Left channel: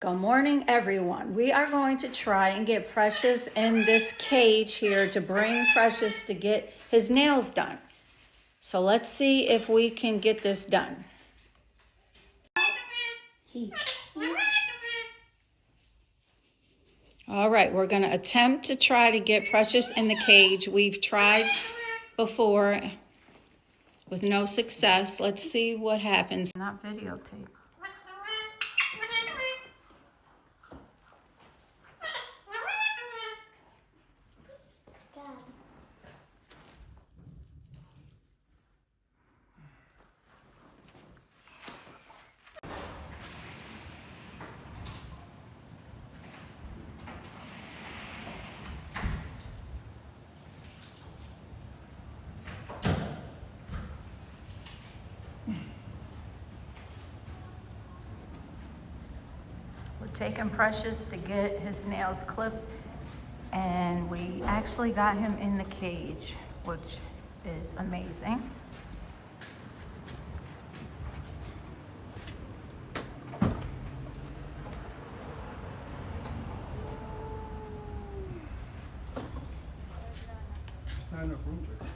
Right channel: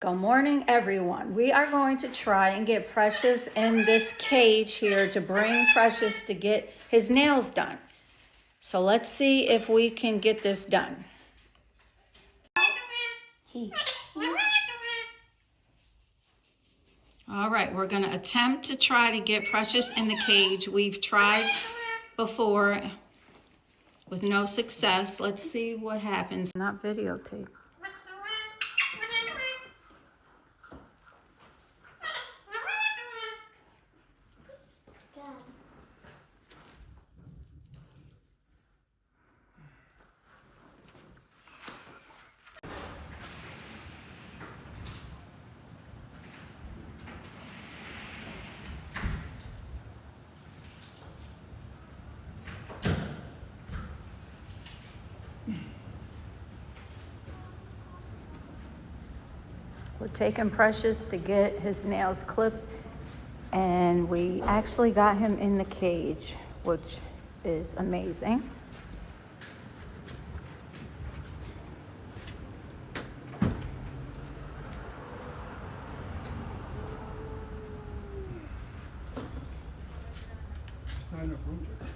Good morning, everyone. We are going to try and get Precious in this cage here to bring Precious to get his nails done. So let's see if we can get this done. All right, we're going to attempt to try to get Precious in the cage. We've tried before with no success. Let's see what happens. Not videotape. We're taking Precious to get his nails clipped, and we actually got him in the cage, which is amazing. Not enough room for it.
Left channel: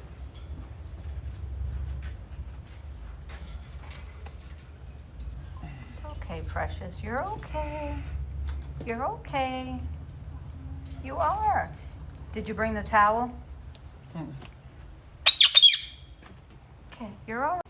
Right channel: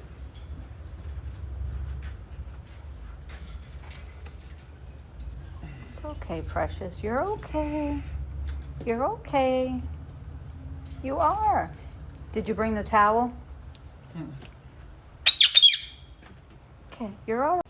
Okay, Precious, you're okay. You're okay. You are. Did you bring the towel? Okay, you're all right.